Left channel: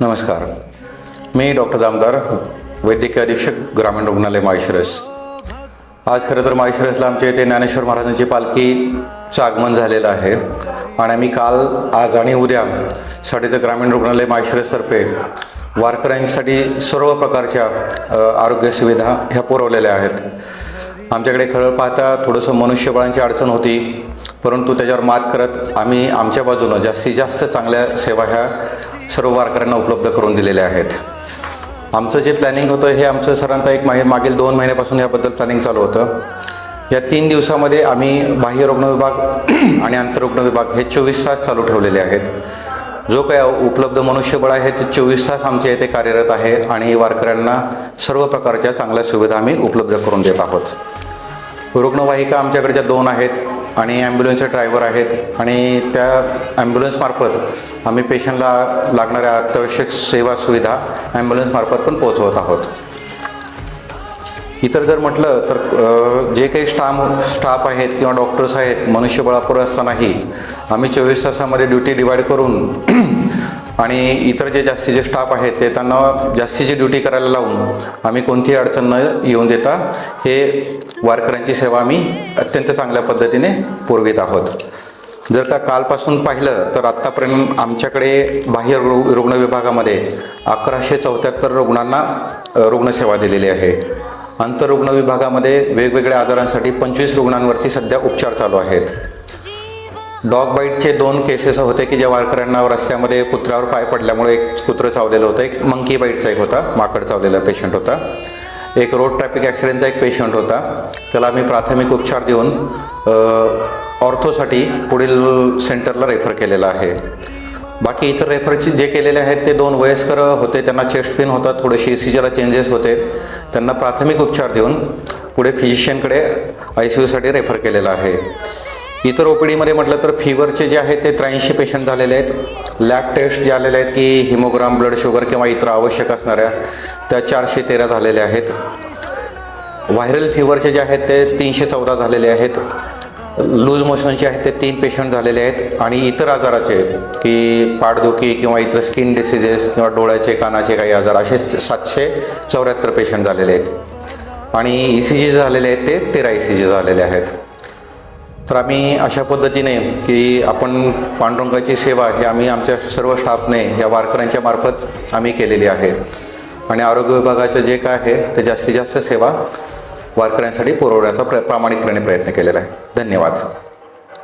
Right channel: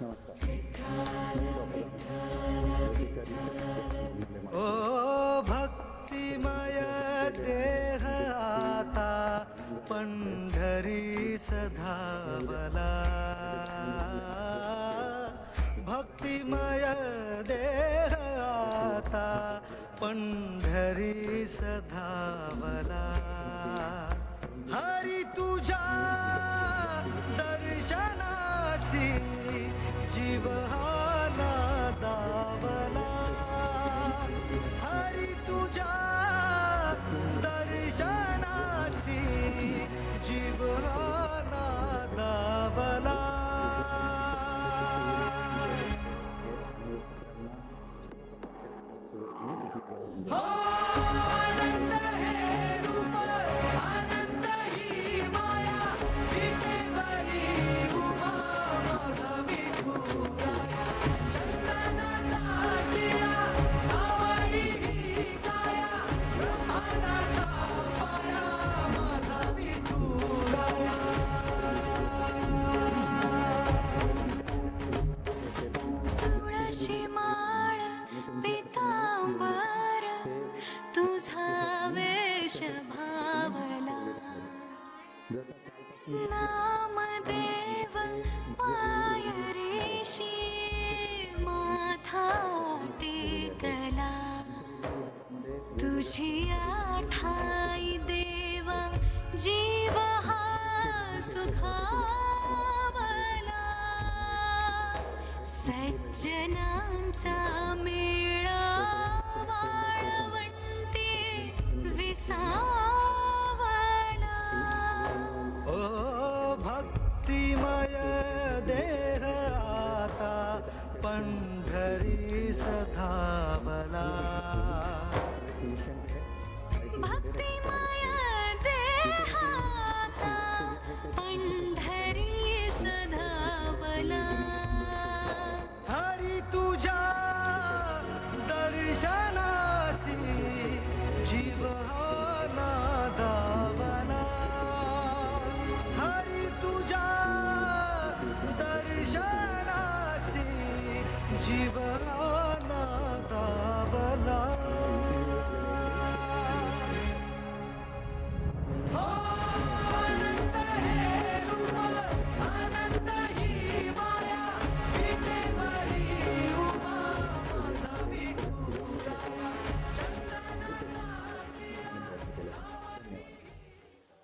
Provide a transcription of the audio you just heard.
नमस्कार. मी डॉक्टर दामदार वैद्यकीय अधीक्षक ग्रामीण रुग्णालय माळशिरस. आज खरं तर माळशिरसला आमच्या इथे ज्ञानेश्वर महाराजांची पालखीचं आगमन झालेलं आहे. आणि आम्ही काल आज आणि उद्या साठीचं ग्रामीण रुग्णालय माळशिरसतर्फे वारकऱ्यांसाठी सर्व प्रकारच्या आरोग्य सुविधा ह्या पुरवलेल्या आहेत. आमच्याकडे खरं पाहता थोडंसं मनुष्यबळांची अडचण होती. परंतु त्याच्यावर मात करत आम्ही आमच्या बाजूनं जास्तीत जास्त चांगल्या सेवा ह्या सर्व वारकऱ्यांना उपलब्ध करून दिलेल्या आहेत. आमचं जे प्लॅनिंग होतं हे आमचं साधारणतः एक माहे मागील दोन महिन्यापासून याबद्दल प्लॅनिंग चालू होतं. या तीन दिवसामध्ये आम्ही बाह्य रुग्ण विभाग आणि आंतररुग्ण विभाग हे चोवीस तास चालू ठेवलेले आहेत. जो काय उपलब्ध मनुष्यबळ आहे ते चोवीस तास आमच्या इथे कार्यरत आहे आणि वारकऱ्यांना सर्व प्रकारच्या चांगल्या सुविधा आम्ही उपलब्ध करून देत आहोत. रुग्णवाहिका आमच्याकडच्या दोन आहेत. आणि ॲम्ब्युलन्सचे ड्रायव्हर आहेत. आणि त्या ॲम्ब्युलन्समार्फत आम्ही पेशंटला लागणाऱ्या अत्यावश्यक सेवा सुविधा ॲम्ब्युलन्समार्फत पण पोहोचवत आहोत. इतर जर म्हटलं तर जे काही स्टाफ स्टाफ आहेत किंवा डॉक्टर्स आहेत मनुष्यबळापुरं असतानाही आम्ही चोवीस तासामध्ये ड्युटी डिवाईड करून आणि इतर जे जास्तीचे स्टाफ आहेत ते त्यांना जास्तीची ड्युटी करायला लावून आम्ही कोणतीही अडचण न येऊन देता हे वारकऱ्यांची सेवा आम्ही अत्यंत चांगल्या पद्धतीने पुरवित आहोत. जर का कालपासून पाहिलं तर आत्तापर्यंत आमच्याकडे बाह्य रु रुग्ण विभागामध्ये अकराशे चौऱ्याहत्तर रुग्णांना रुग्णसेवा दिलेली आहे. आंतररुग्ण विभागामध्ये वेगवेगळ्या आजारांसाठी पंचवीस रुग्णांवरती सध्या उपचार चालू आहेत. डॉग बाईटचे दोन केसेस होते की ज्या वारकऱ्यांना रस्त्यामध्ये कुत्र्यावर पाय पडल्यामुळे एक कुत्रं चावलेलं होतं एक मंकी बाईटचा एक होता माकड चावलेला पेशंट होता. एक रोड ट्रॅफिक ॲक्सिडेंटचा एक पेशंट होता. त्याला आम्ही प्राथमिक उपचार देऊन ऑर्थोसाठी पुढील सेंटरला रेफर केलेला आहे. बाकी इतर रेफरचे जे केलेले आहेत ते दोन वयस्कर होते त्यांना चेस्ट पेन होता थोडेसे सीजला चेंजेस होते. त्यांना प्राथमिक उपचार देऊन पुढे फिजिशियनकडे आय सी यूसाठी रेफर केलेला आहे. इतर ओ पी डीमध्ये म्हटलं तर फिवरचे जे आहेत ते त्र्याऐंशी पेशंट झालेले आहेत. लॅब टेस्ट जे आलेले आहेत की हिमोग्राम ब्लड शुगर किंवा इतर आवश्यक असणाऱ्या त्या चारशे तेरा झालेल्या आहेत. व्हायरल फिवरचे जे आहेत ते तीनशे चौदा झालेले आहेत. लूज मोशनचे आहेत ते तीन पेशंट झालेले आहेत. आणि इतर आजाराचे की पाठदुखी किंवा इतर स्किन डिसिजेस किंवा डोळ्याचे कानाचे काही आजार असे सातशे चौऱ्याहत्तर पेशंट झालेले आहेत. आणि ई सी जी झालेले आहेत ते तेरा ई सी जी झालेले आहेत. तर आम्ही अशा पद्धतीने की आपण पांडुरंगाची सेवा ही आम्ही आमच्या सर्व स्टाफने या वारकऱ्यांच्या मार्फत आम्ही केलेली आहे. आणि आरोग्य विभागाचं जे काय आहे ते जास्तीत जास्त सेवा वारकऱ्यांसाठी पुरवण्याचा प्र प्रामाणिकपणे प्रयत्न केलेला आहे. धन्यवाद.